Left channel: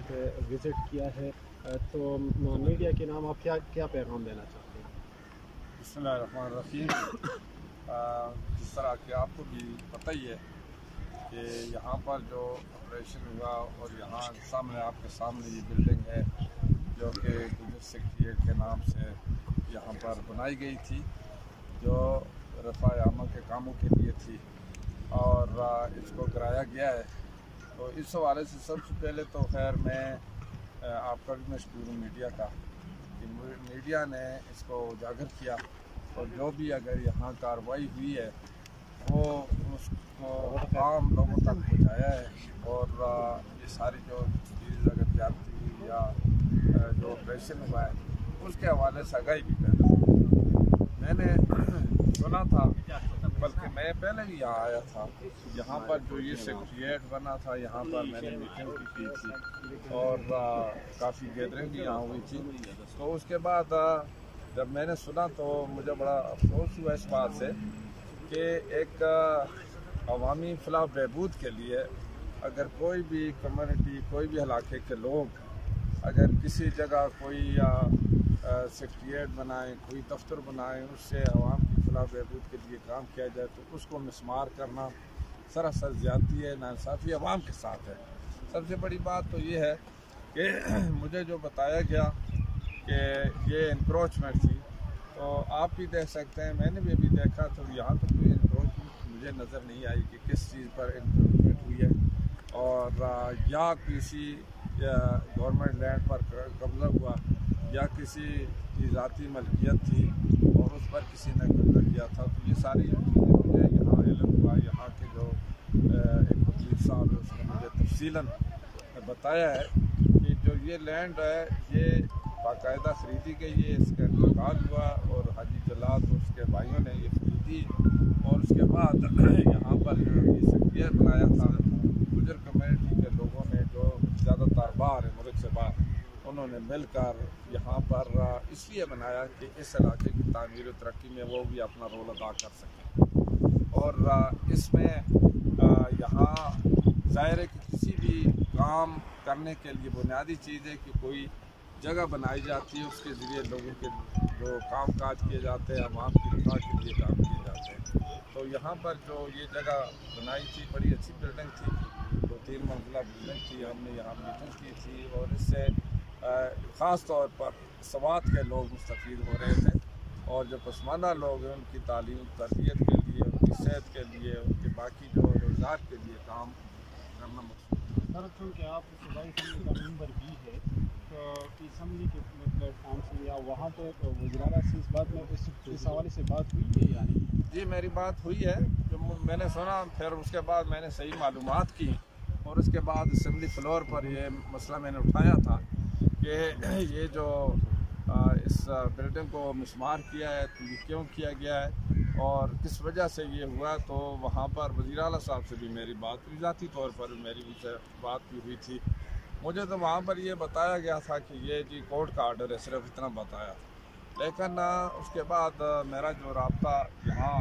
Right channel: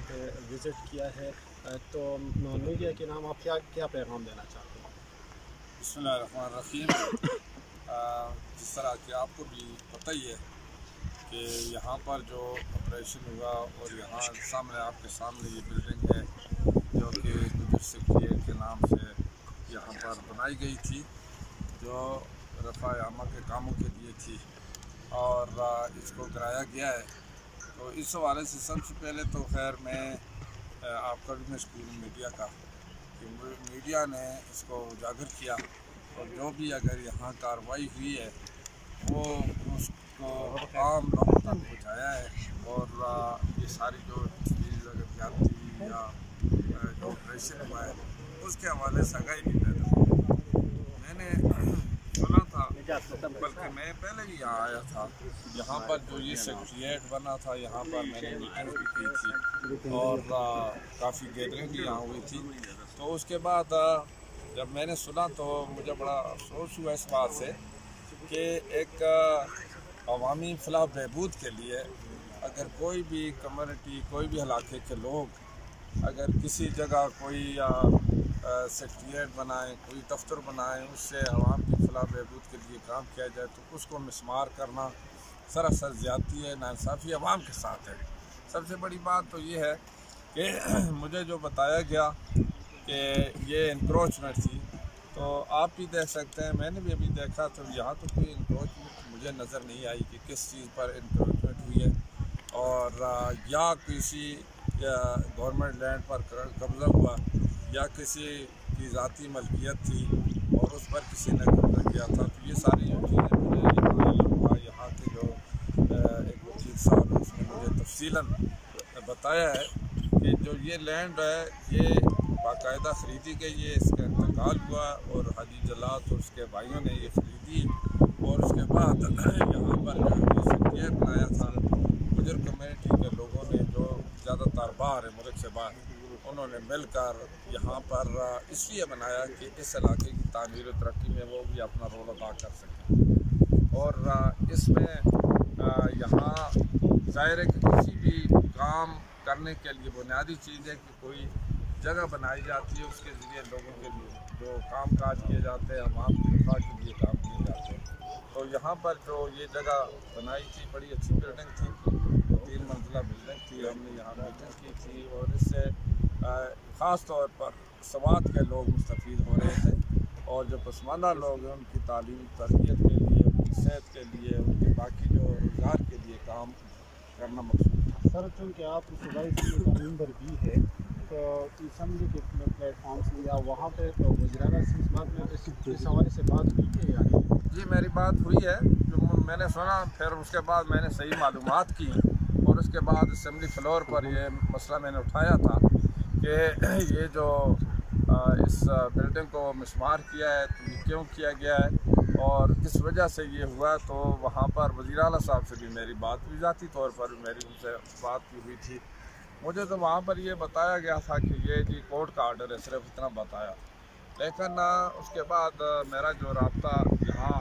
वहाँ पे विज़िट किया है, तो मीडिया के नाम आप क्या क्या पैगाम देना चाहते हैं? बिस्मिल्लाहिर्रहमानिर्रहीम। जिस तरह कि आपको भी पता ही है कि यहाँ पर जो ऑपरेशन हुआ और यहाँ सामने आपके सामने ये बिल्डिंग है जो कि गुजर सेक्रेटरीट के नाम से यहाँ पर बनाई गई थी, जो रफ़ा आमा के कामों के लिए थी और इसको गिराया गया है। तो इस हवाले से सबसे पहले तो खैर मैं आपका भी मशकूर हूँ मीडिया का कि मीडिया ने इसको उजागर किया और जो भी अगर यहाँ कार्रवाई हुई है वो उसको आम लोगों तक पहुँचाया है। और ये सारी जो चीज़ अगर जाती हुई या जो ऑपरेशन हुआ है उसके हवाले से आगाही भी मैंने सुना था, बल्कि मैं पहले भी यहाँ आया था। यहाँ पर जो ये सेक्रेटरीट बना था यहाँ पर मैंने मीटिंग भी की थी और काफ़ी गैदरिंग भी यहाँ हुई थी। तो उसके बाद जब मैंने सुना तो मुझे बड़ा अफसोस हुआ इस बात से कि एक अवामी फलाह बहबूद के लिए अगर कोई भी कम्युनिटी, कोई भी इलाके के लोग अगर किसी जगह कोई सेक्रेटरीट बनाएं, कोई दफ्तर बनाएं, उससे आवाम की फलाह बहबूद के लिए काम किया जाए तो उसको मिसमार करना सरासर ज़्यादती है, नाइंसाफ़ी आवाम के साथ है। सबसे बड़ी बात तो ये है कि मुझे जो बताया गया कि ये इंक्रोचमेंट थी, तो आप भी देख सकते हैं, मैंने भी अभी देखा तो यहाँ तो कोई इंक्रोचमेंट मुझे नज़र नहीं आई कि किस चीज़ पर इंक्रोचमेंट हुई है और या किसी गवर्नमेंट लैंड पर कब्ज़ा हुआ या किसी की ज़ाती मलकियत थी और उस पर किसी ने कब्ज़ा किया था। तो ये सारी जो चीज़ें मुझे यहाँ मालूम हुआ, यहाँ के जो एक वकील साहब है उसने मुझे तफसीलन बताया है कि जो ये लैंड है ये बाकायदा ख़रीदी गई है, इसका इंतकाल हुआ और हाजी जलात और उसके भाइयों ने ये ख़रीदी और उसके बाद यहाँ पर जो ये सेक्रेटरीट बनाया था गुजर कम्युनिटी के लोगों ने जो ज़्यादातर बाहर है, मुल्क से बाहर, उन्होंने मिलकर यहाँ पर इसलिए बनाया कि इस इलाके की तामीर और तरक्की में वो भी अपना रोल अदा कर सकें। और इसमें यहाँ ज़ाहिर है कि किसी भी काम करने के लिए बुनियादी चीज़ है कि कोई जगह बनाई जाती है, उसके ज़रिए लोगों के जो काम काज किए जाते हैं, आवाम की रफ़ा के लिए काम किए जाते हैं। तो यहाँ पर जो ये जगह बनाई थी बड़ी अच्छी बिल्डिंग थी, 2-3 मंजिला बिल्डिंग थी। हमने यहाँ मीटिंग की थी और इससे ख़ास तौर पर सवात के लोग मुस्तफ़ीद हो रहे थे और जो पसमानदा लोग हैं उनकी तालीम तरबियत के लिए, उनकी सेहत के लिए, उनके बाकी जो रोज़गार के लिए काम करना मकसूद है। सर, चूँकि आप सूबाई असम्बली का मेंबर भी है तो असम्बली के प्लेटफॉर्म से या वहाँ पे वज़ीर-ए-आला से इस बात में इस हवाले से बात हुई है या नहीं? जी मेरी बात हुई है, जो मैंने सुना, फिर उसके बाद मैंने सही मालूमात की और उसके बाद असम्बली फ्लोर पर ये मसला मैंने उठाया था कि ये जो इस बिल्डिंग को मिसमार किया है तो ये क्यों किया गया है और किस वजह से ये हुआ। तो वहाँ पर वज़ीर-ए-आला साहब से भी मेरी बात हुई, ज़ाती तौर पर भी मेरी उनसे बात भी हुई थी। मुझे तो वहाँ पर ये बताया गया था कि ये जी कोर्ट का आर्डर है, सिर्फ इतना बताया। लेकिन उसके बाद मेरा जो रब्ता यहाँ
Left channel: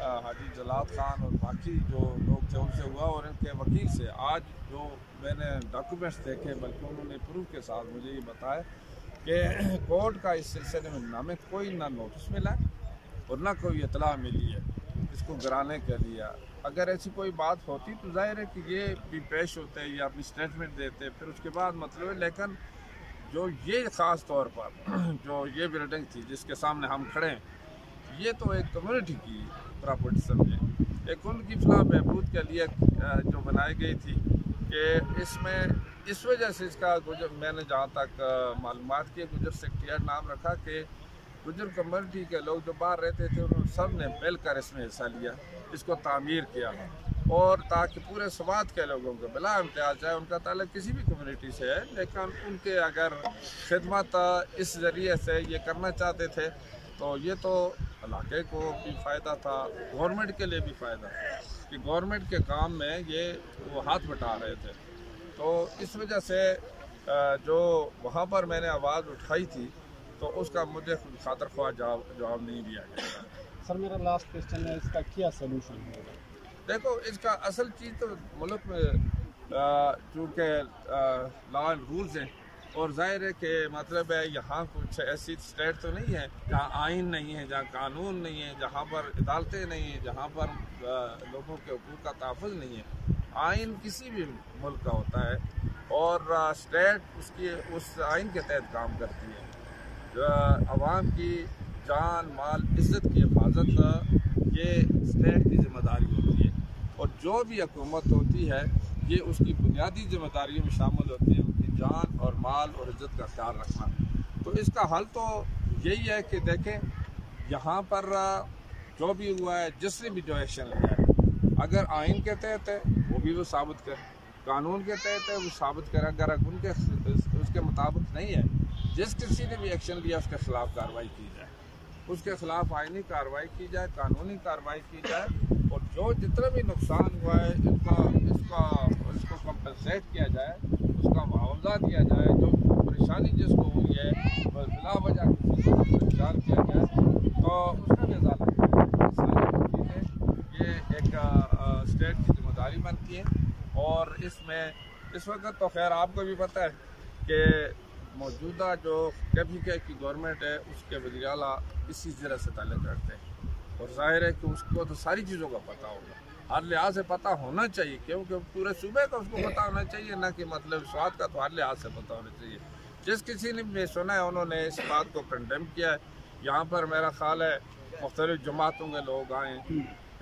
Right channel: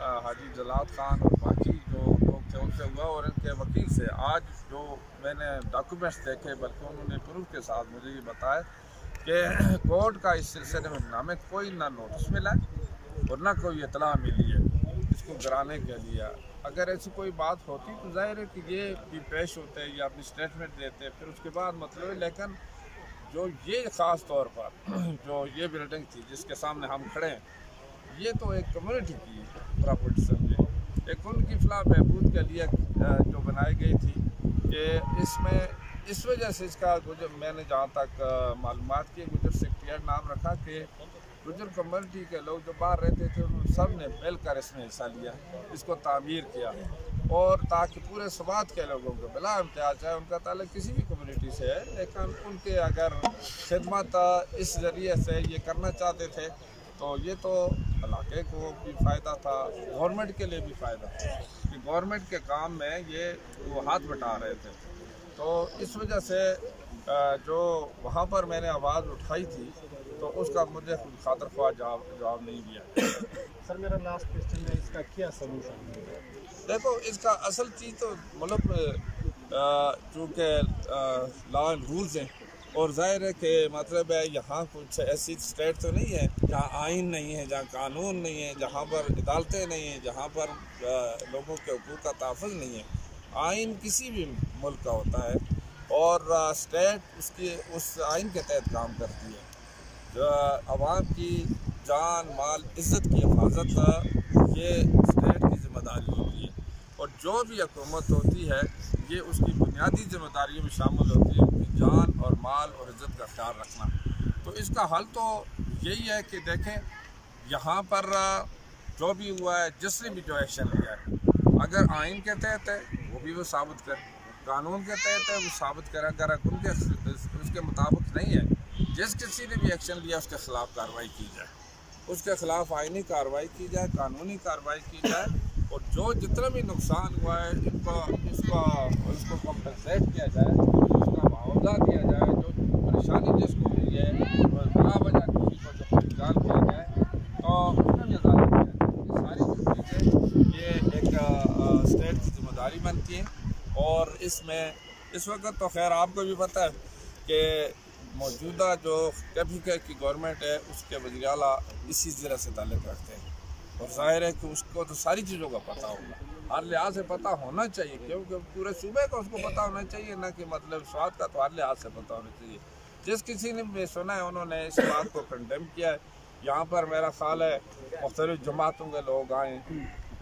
हाजी जलात खान और बाकी जो लोग थे उनसे हुआ और इनके वकील से आज जो मैंने डॉक्यूमेंट्स देखे, बल्कि उन्होंने प्रूफ के साथ मुझे ये बताया कि कोर्ट का इस सिलसिले में नामे कोई ना नोटिस मिला और ना कोई इतला मिली है इसको गिराने के लिए। अगर ऐसी कोई बात होती तो जाहिर है कि ये भी पेश होते या अपनी स्टेटमेंट देते, फिर उसके बाद मतलब है। लेकिन जो ये ख़ास तौर पर जो ये बिल्डिंग थी जिसके सामने हम खड़े हैं, ये तो एक कम्युनिटी की प्रॉपर्टी समझे, एक उनकी फलाह बहबूद के लिए जो बनाई गई थी कि इसमें इस वजह से इसका गुजर, मैंने जहाँ तक मालूमात की, गुजर सेक्रेटरीट नाम रखा कि गुजर कम्युनिटी के लोग जो बाहर रहते थे उन्होंने सब ने मिलकर इसमें हिस्सा लिया, इसको तामीर किया और ताकि पूरे स्वात के लोगों को बिला इम्तियाज़, चाहे उनका ताल्लुक किसी भी कम्युनिटी से है, लेकिन उनके अगर खिदमत इस ज़रिए से ये करना चाहते थे तो ये तो इलाके को भी फ़ायदा था, गवर्नमेंट के लिए भी फ़ायदा था कि गवर्नमेंट के काम में ये वो हाथ बटा रहे थे। तो इस वजह से जो वहाँ पर मैंने आवाज़ उठाई थी तो उसका मुझे खुद खातर ख्वाह जवाब नहीं दिया गया। सर, मेरा लास्ट क्वेश्चन है, इसका क्या सलूशन है? देखो, इसका असल चीज़ तो मुल्क में चूँकि लॉ एंड रूल्स हैं, और जाहिर है कि मतलब है यहाँ कुछ ऐसी स्टेट तो नहीं है जहाँ आइन नहीं है, जहाँ कानून नहीं है, जहाँ पर अदालतें नहीं हैं, जहाँ पर लोगों के हकूक़ का तहफ़्फ़ुज़ नहीं है। आइन किसी भी मुल्क का होता है और स्टेट उसकी उस आइन के तहत काम करती है। आवाम की जान माल इज़्ज़त की हिफाजत ये स्टेट की ज़िम्मेदारी होती है, और जो भी हुकूमत होती है ये उसकी बुनियादी ज़िम्मेदारियों में शामिल होती है उनकी जान और माल और इज़्ज़त का ख्याल रखना। तो इसका हल तो यही है कि देखें यहाँ पर जो भी हुआ है, जिसने भी जो एक्शन लिया है, अगर आइन के तहत है वो भी वो साबित करे, कानून के तहत है वो साबित करे। अगर उनके उसके मुताबिक नहीं है, जिस किसी ने भी एक्शन लिया उसके खिलाफ कार्रवाई की जाए, उसके खिलाफ आइनी कार्रवाई की जाए, कानूनी कार्रवाई की जाए, और जो जितना भी नुकसान हुआ है इसको कंपनसेट किया जाए, उसका मुआवजा दिया जाए। जो परेशानी जिसको हुई है बिला वजह किसी को परेशान किया जाए तो उसका भी अदालत है। सारी चीज़ें ये एक स्टेट की जिम्मेदारी बनती है, और इसमें इस वक्त तो खैर आपको भी पता है कि मौजूदा जो KPK की गवर्नमेंट है उसके वज़ीर आला इसी ज़िले से ताल्लुक़ रखते हैं, और ज़ाहिर है कि उसको तो सारी चीज़ों का पता होगा, हर लिहाज से पता होना चाहिए, क्योंकि पूरे सूबे का उसको पता होना चाहिए, ना कि मतलब स्वाद का तो हर लिहाज से पता होना चाहिए। जिस किसी ने भी सुना है उन्होंने इस बात को कंडेम किया है। यहाँ पर मेरा ख्याल है मुख्तलिफ़ जमातों के लोग आए,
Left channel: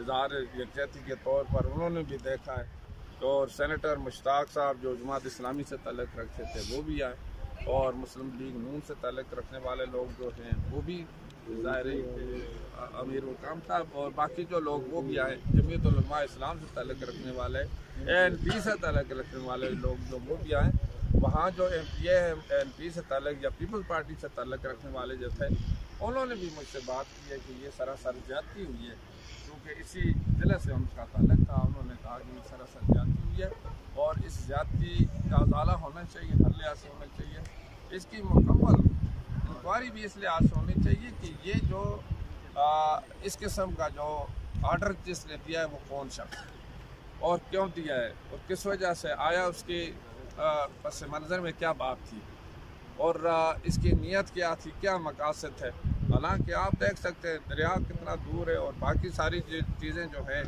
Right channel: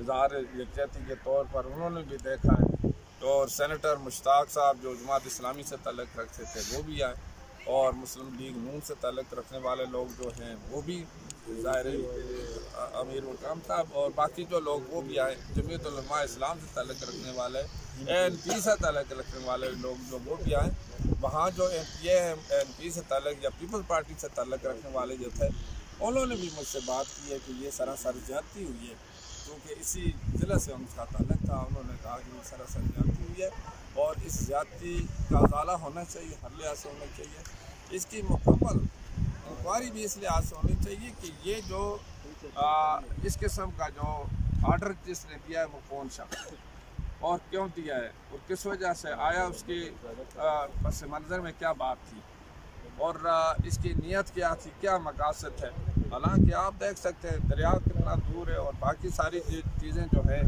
इज़हार यकजहती के तौर पर उन्होंने भी देखा है, और सेनेटर मुश्ताक साहब जो जमात इस्लामी से ताल्लुक़ रखते थे वो भी आए, और मुस्लिम लीग नून से ताल्लुक़ रखने वाले लोग जो हैं वो भी, ज़ाहिर अमीर वकाम साहब और बाकी जो लोग वो भी आए, जमीयत उलमा इस्लाम से ताल्लुक़ रखने वाले, ANP से ताल्लुक़ रखने वाले लोग जो वो भी आए। वहाँ जो MPA है ANP से ताल्लुक़ या पीपल्स पार्टी से ताल्लुक़ रखने वाले जो थे उन्होंने भी मुझसे बात की है कि ये सरासर ज़्यादती हुई है, क्योंकि इसी ज़िले से उनका ताल्लुक़ था। उन्होंने कहा कि ये सरासर ज़्यादती हुई है और इस ज़्यादती का उजाला होना चाहिए, हर लिहाज से होना चाहिए। इसकी मुकम्मल इंक्वायरी भी इस लिहाज से होनी चाहिए कि ये जो इस किस्म का जो आर्डर जिसने दिया है वो कौन शख्स है और क्यों दिया है और किस वजह से आया, उसके पस मंज़र में क्या बात थी और इसकी नीयत क्या थी, क्या मकासद है। हालांकि आप देख सकते हैं दरिया कितना दूर है, और बाकी सारी चीज़ें जो है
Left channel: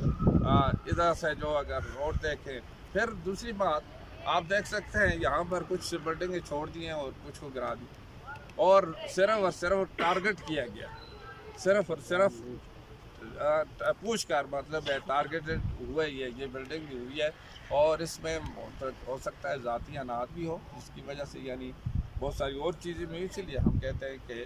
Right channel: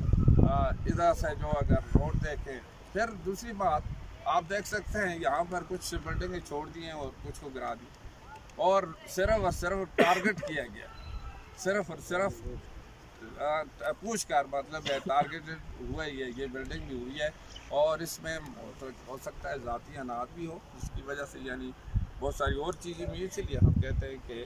इधर से जो अगर रोड देखें, फिर दूसरी बात आप देख सकते हैं यहाँ पर कुछ बिल्डिंगें छोड़ दी हैं और कुछ को गिरा दी, और सिर्फ टारगेट किया गया, सिर्फ और सिर्फ पूछ कर मतलब है टारगेटेड हुआ ही है, ये बिल्डिंग भी हुई है, और इसमें हो सकता है ज़ाती अनाज भी हो, जिसकी वजह से यानी बहुत सारी और चीज़ें भी, इसीलिए हम कहते हैं कि